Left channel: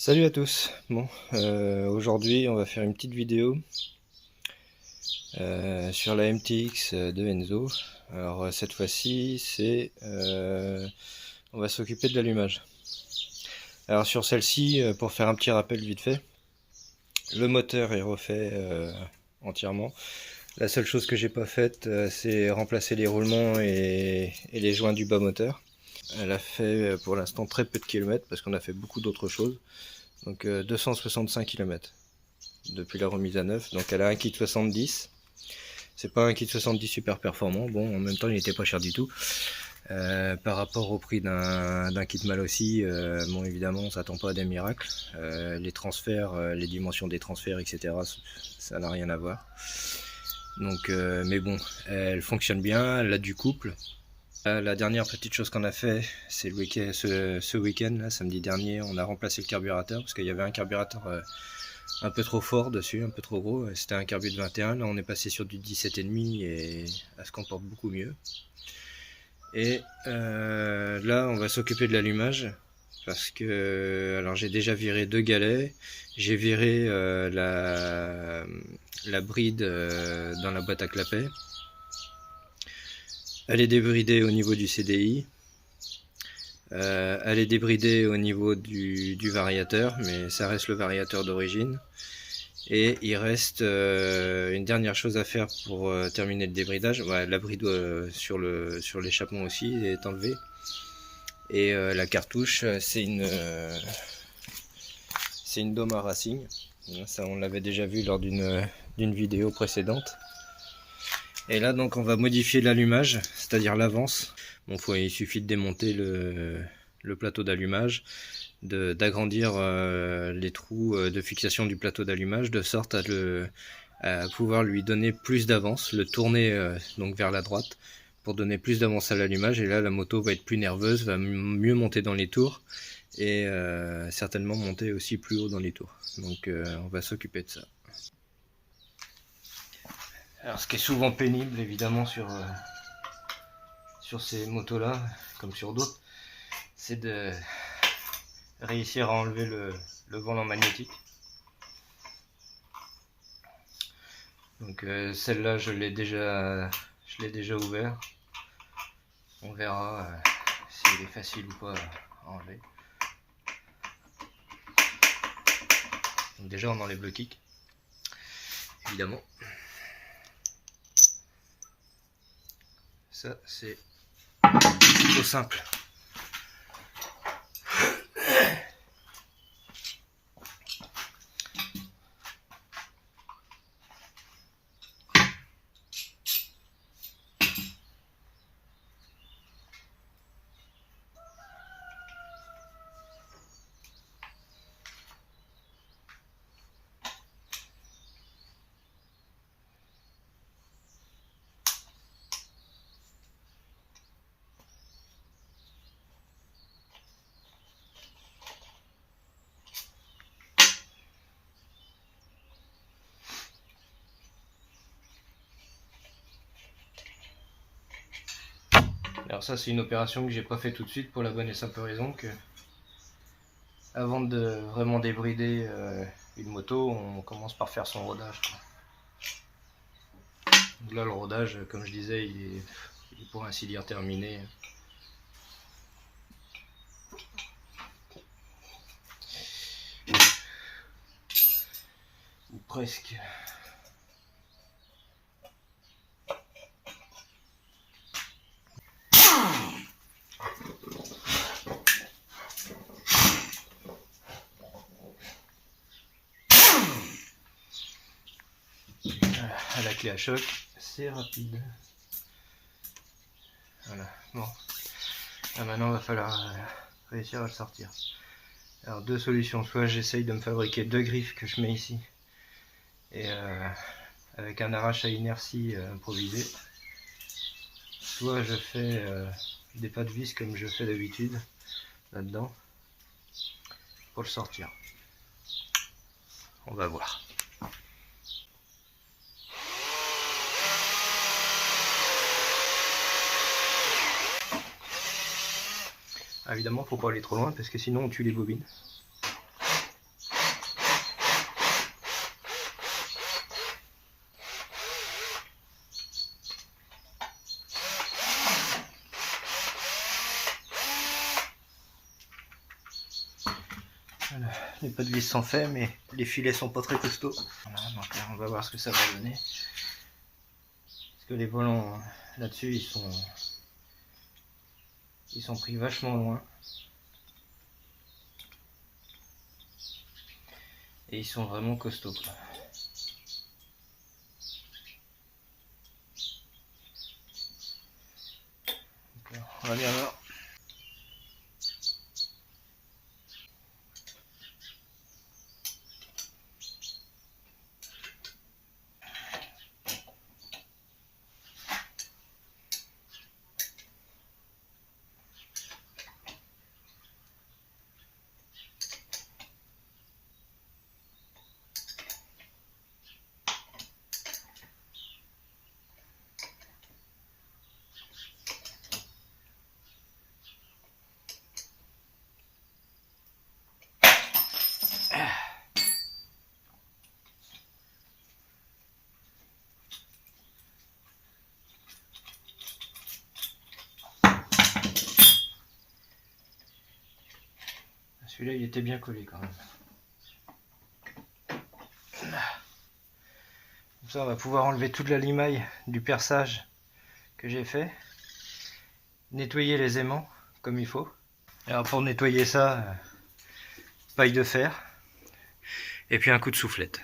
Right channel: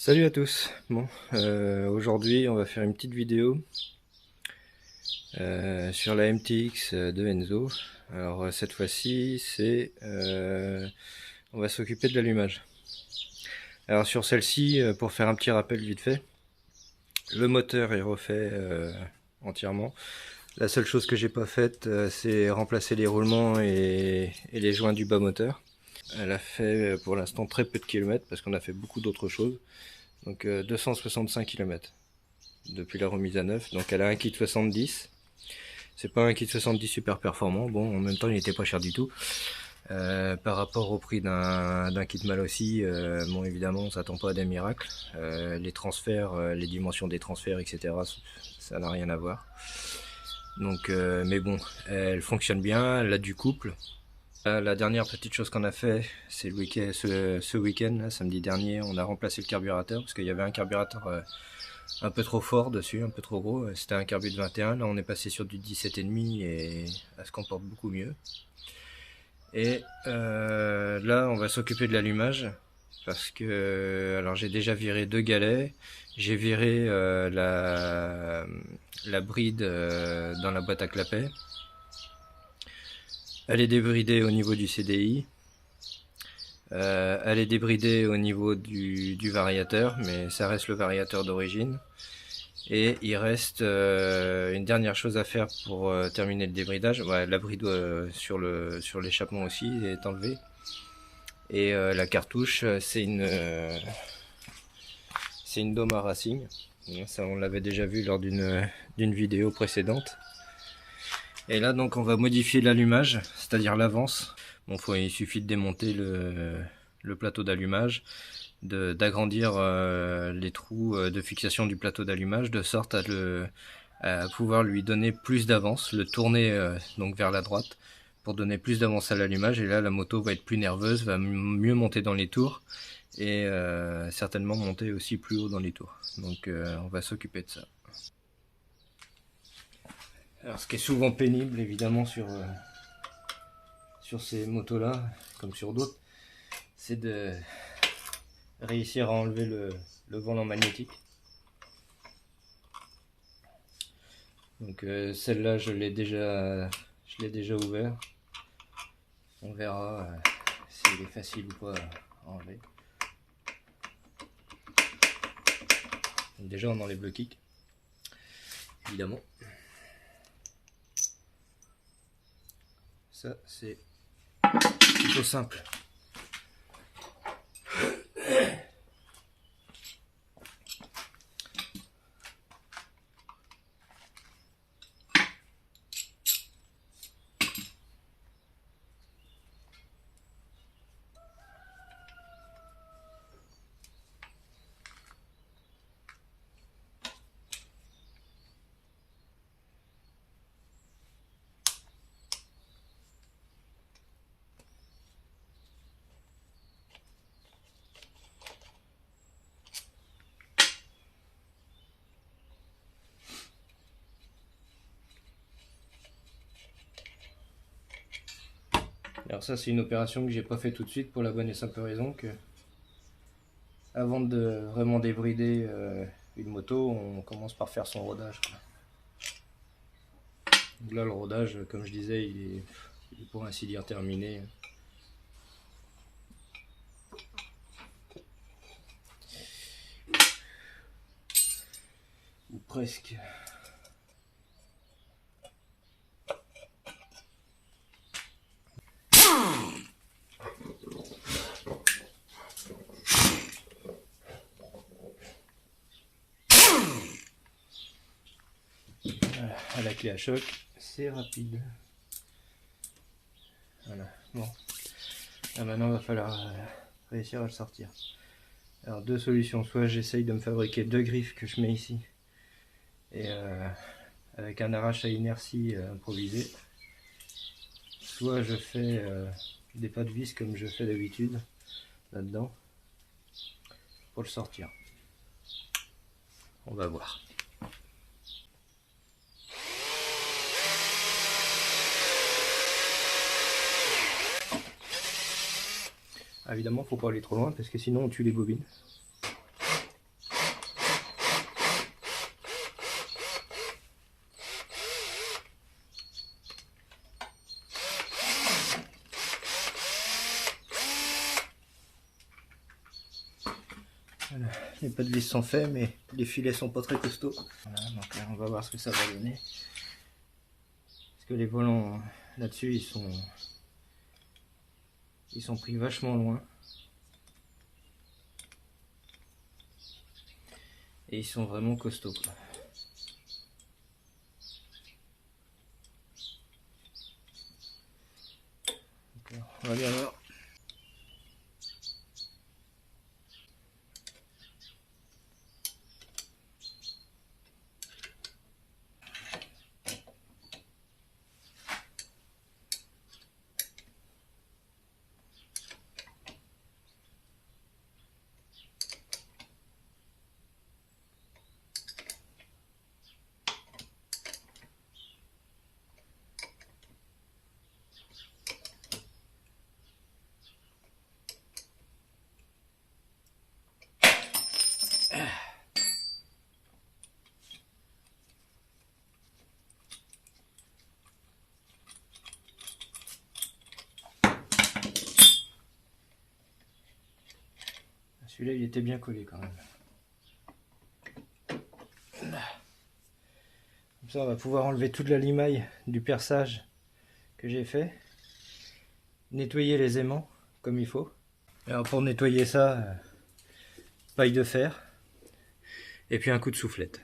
Salut à tous. Aujourd'hui on va faire une petite vidéo sur la MTX de Enzo. Alors cette fois-ci on va s'occuper de l'allumage. Alors sur celle-ci, pour faire un petit rappel vite fait, le moteur est refait entièrement. La seule chose que j'ai pas faite, c'est remplacer les roulements et les joints du bas moteur. Elle a fait pour l'instant très peu de kilomètres parce qu'on a fait beaucoup d'autres choses. Donc 265 km depuis la remise à neuf. Donc elle a un kit 70. C'est pas un kit 70 super performant. Bon, en même temps, il n'était pas cher du tout. Par rapport au prix d'un kit mal aussi, bon, évidemment, on s'attend pas à des miracles. Les transferts, les dimensions des transferts, etc., ça n'a rien à voir. Donc, mais bon, elle fonctionne bien. Elle a du couple. La dernière petite chose qu'on a fait, c'est ce week-end, là, samedi dernier, on a remplacé le carburateur parce qu'il y avait un carburateur un peu trop fort dessus, un peu trop gros. C'était un carbu de 21, là on est passé sur du 17,5 et elle se comporte beaucoup mieux. Et là on va s'occuper de l'allumage parce que alors j'ai déjà viré 2 galets, j'ai viré la bride dans la boîte à clapet. Elle est débridée au niveau du CDI. Elle est débridée au niveau du variateur, mais ça reste le variateur d'origine. Et il reste une dernière chose à faire pour terminer le débridage. Ouais, la bride sur l'échappement aussi est enlevée. Et la cartouche, c'est une Doma Racing. Ça, on l'avait déjà vu lors d'une vidéo précédente. Et là, donc, on va modifier l'allumage, c'est-à-dire l'avance. Bon, il suffit de démonter le plateau d'allumage, d'agrandir les trous de fixation du plateau d'allumage, de sorte à pouvoir lui donner plus d'avance, le tourner donc vers la droite, pour donner plus d'avance à l'allumage. Et là, la moto va être plus nerveuse, va mieux monter dans les tours, et certainement monter aussi plus haut dans les tours. Donc, on va s'occuper de ça. Alors, ce qui est souvent pénible, évidemment, sur ces motos-là, comme sur d'autres, c'est de réussir à enlever le volant magnétique. Donc celle-là, je l'ai déjà ouvert. On verra s'il est facile ou pas à enlever. Donc déjà, on enlève le kick, évidemment. Ça, c'est plutôt simple. Alors ça, c'est une opération que j'ai pas fait tout de suite pour la bonne et simple raison que avant de vraiment débrider une moto, on commence par faire son rodage, quoi. Donc là, le rodage, comme je disais, il est pour ainsi dire terminé. Ou presque. À la clé à choc, c'est rapide. Voilà, bon. Là, maintenant, il va falloir réussir à le sortir. Alors, deux solutions. Soit j'essaye de me fabriquer 2 griffes que je mets ici, et avec un arrache à inertie improvisé. Soit je fais des pas de vis comme je fais d'habitude, là-dedans, pour le sortir. On va voir. Ah, évidemment, faut pas aller trop loin parce que sinon on tue les bobines. Voilà, les pas de vis sont faits, mais les filets sont pas très costauds. Voilà, donc là, on va voir ce que ça va donner. Parce que les volants là-dessus, ils sont pris vachement loin. Et ils sont vraiment costauds, quoi. Donc, on va bien voir. Celui-là, il était bien collé quand même. Comme ça, on va pouvoir enlever toute la limaille du perçage que j'ai fait. Nettoyer les aimants comme il faut. Et alors pour nettoyer ça, paille de fer. Et puis un coup de soufflette.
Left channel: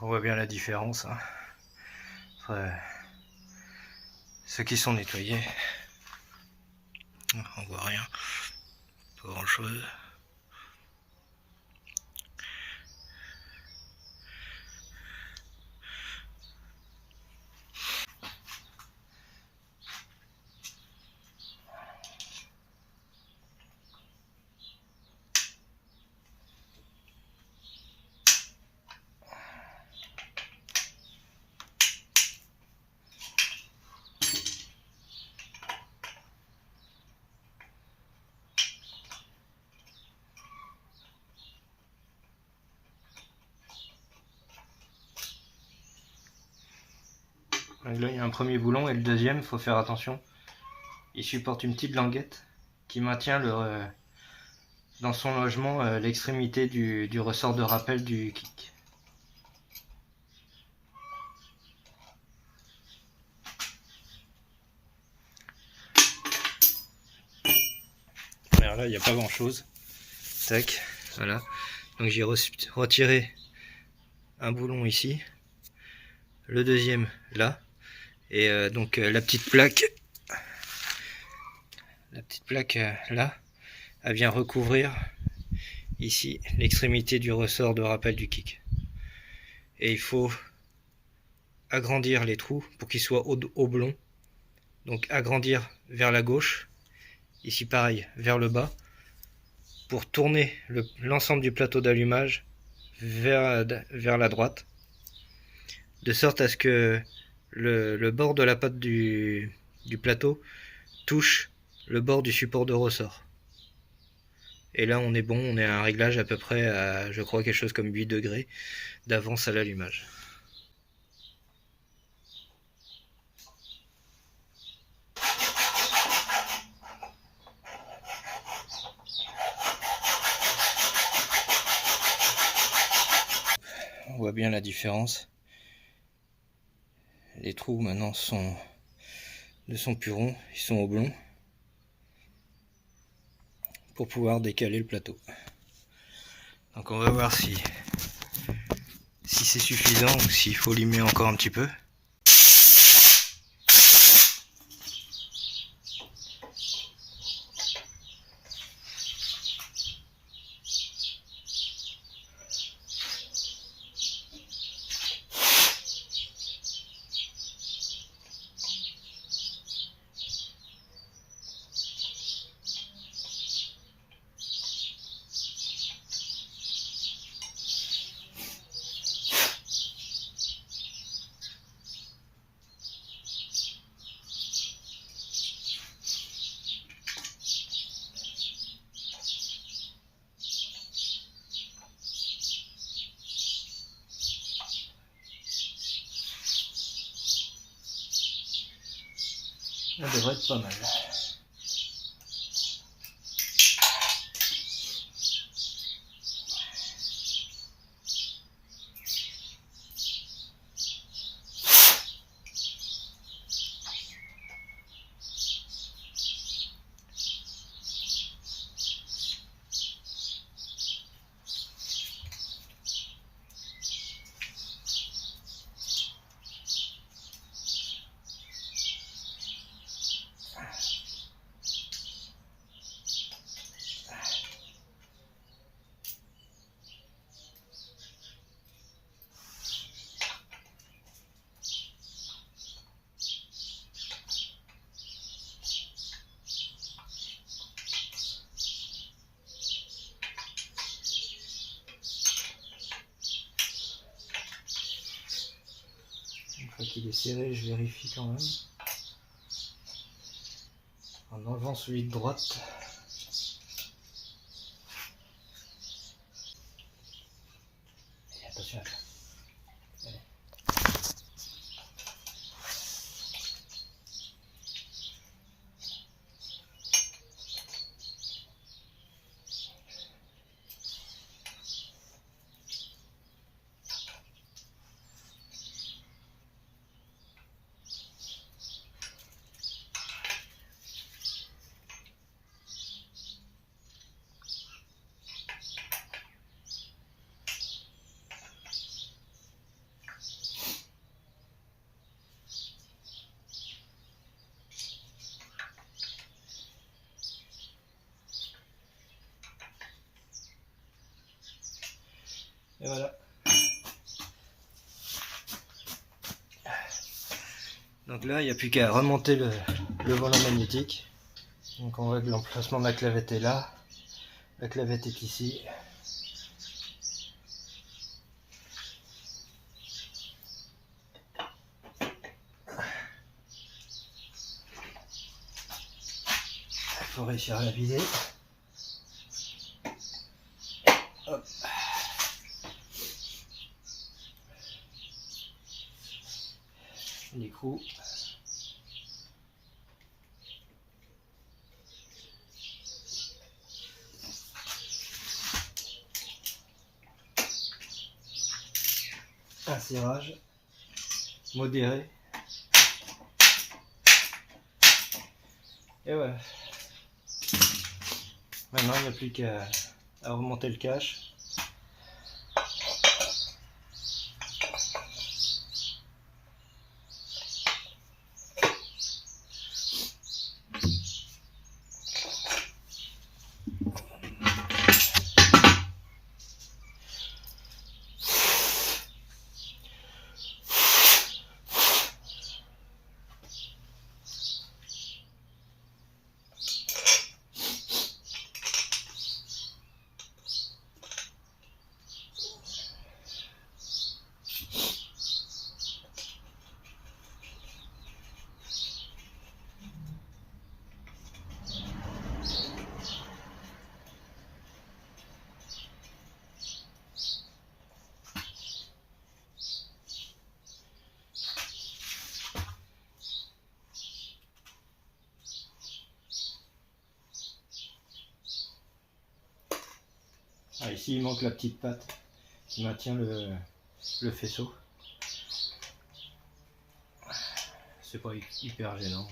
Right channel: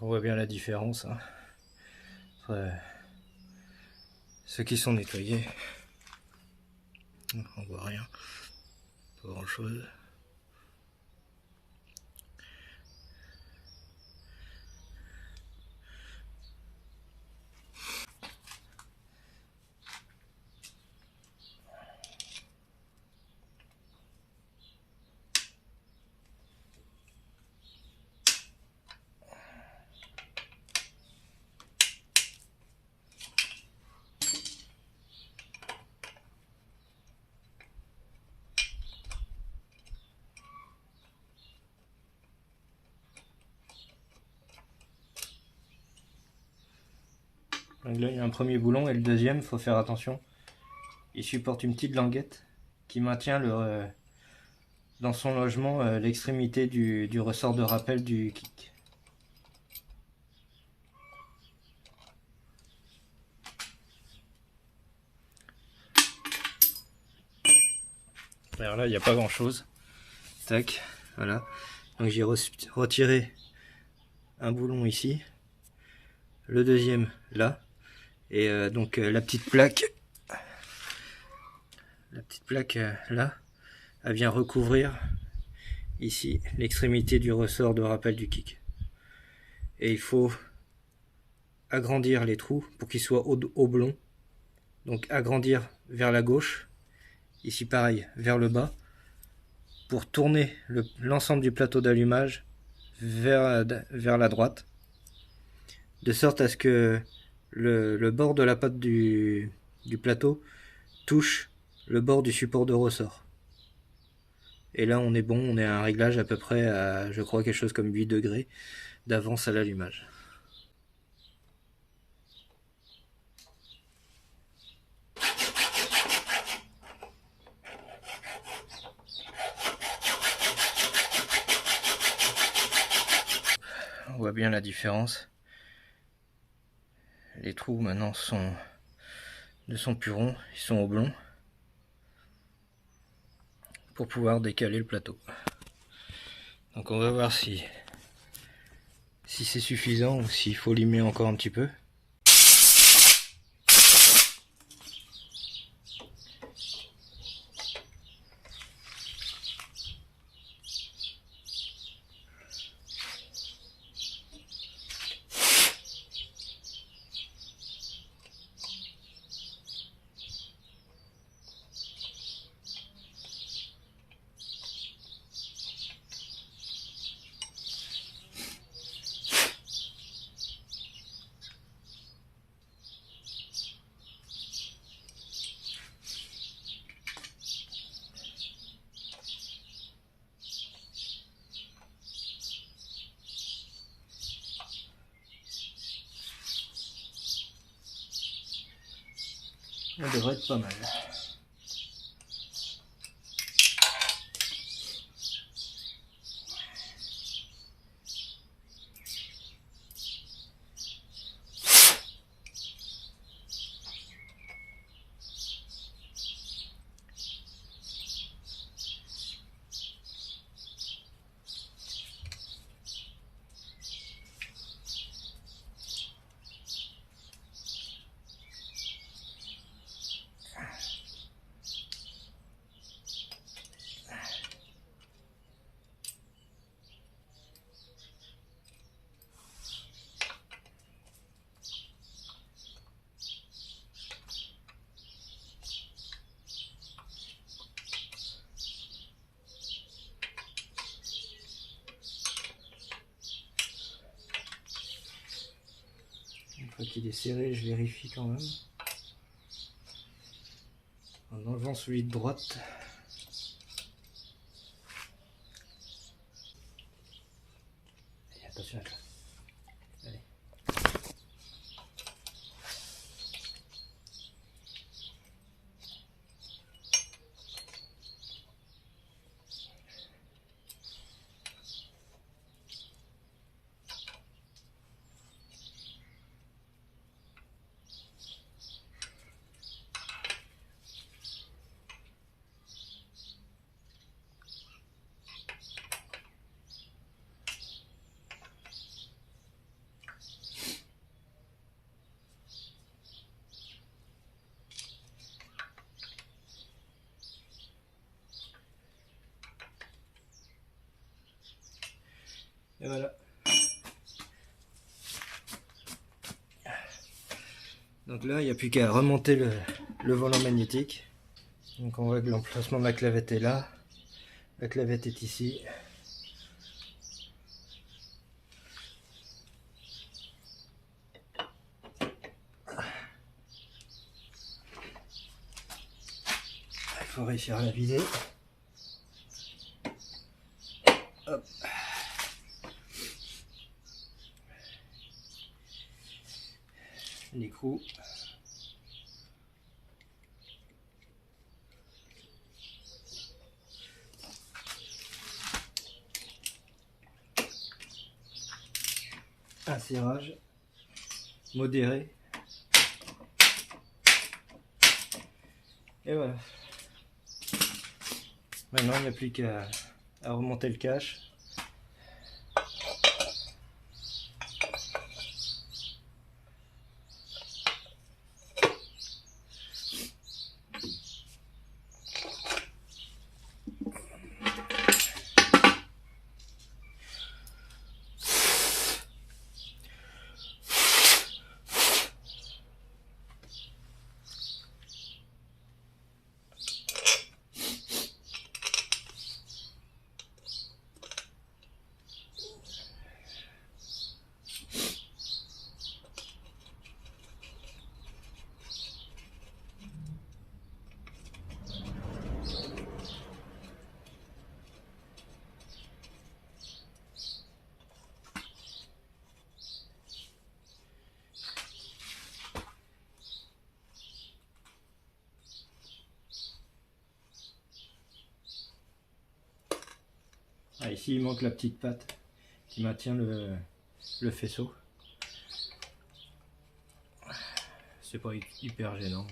On voit bien la différence, hein. Après, ceux qui sont nettoyés, on voit rien, pas grand chose. Donc là, il y a un premier boulon et le deuxième, il faut faire attention. Il supporte une petite languette qui maintient dans son logement l'extrémité du ressort de rappel du kick. Alors là, il n'y a pas grand chose. Tac, voilà. Donc j'ai retiré un boulon ici, le deuxième là, et donc la petite plaque là, elle vient recouvrir ici l'extrémité du ressort de rappel du kick. Et il faut agrandir les trous pour qu'ils soient oblongs. Donc agrandir vers la gauche, ici pareil vers le bas, pour tourner l'ensemble du plateau d'allumage vers la droite, de sorte à ce que le bord de la patte du plateau touche le bord du support de ressort. Et là on est bon, on est à un réglage à peu près à, je crois, quelque chose comme 8 degrés d'avance à l'allumage. On voit bien la différence. Les trous maintenant ne sont plus ronds, ils sont oblongs pour pouvoir décaler le plateau. Donc on va voir si c'est suffisant ou s'il faut limer encore un petit peu. Ça devrait être pas mal. Une fois qu'il est serré, je vérifie quand même. En enlevant celui de droite. Et attention à ça. Allez. Et voilà. Donc là, il n'y a plus qu'à remonter le volant magnétique. Donc on voit que l'emplacement de la clavette est là. La clavette est ici. Il faut réussir à la vider. Hop. L'écrou. Un serrage modéré. Et voilà. Maintenant, il n'y a plus qu'à remonter le cache. Ah, ici, il manque la petite patte qui maintient le faisceau. C'est pas hyper gênant.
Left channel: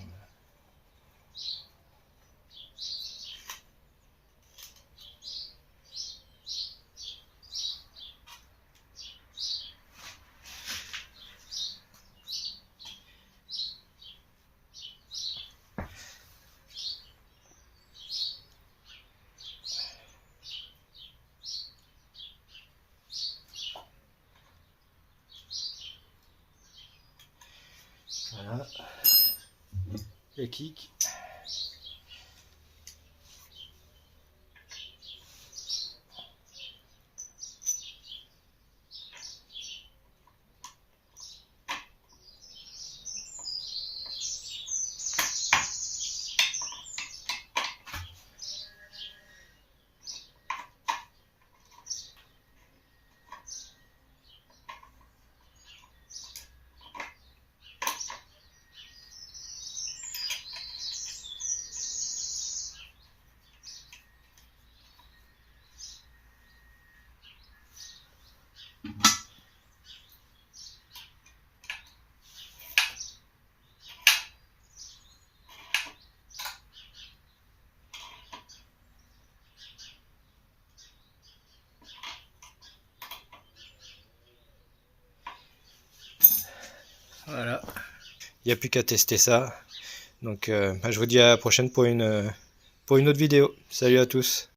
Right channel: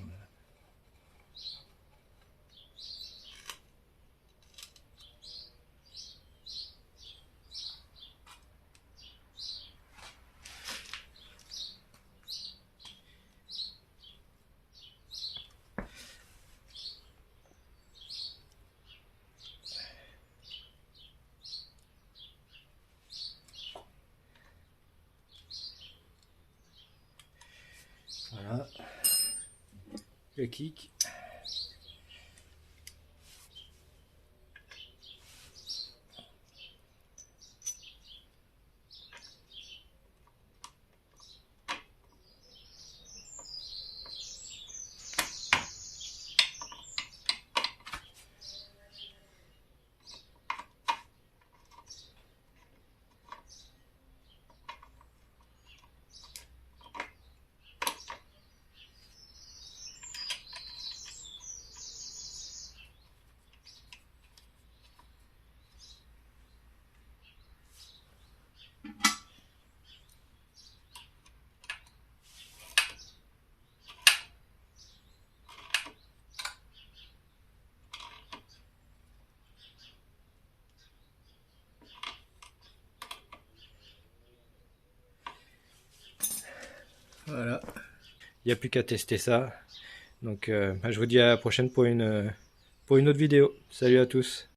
Voilà. Le kick. Voilà. Il n'y a plus qu'à tester ça. Donc je vous dis à la prochaine pour une autre vidéo. Salut à tous.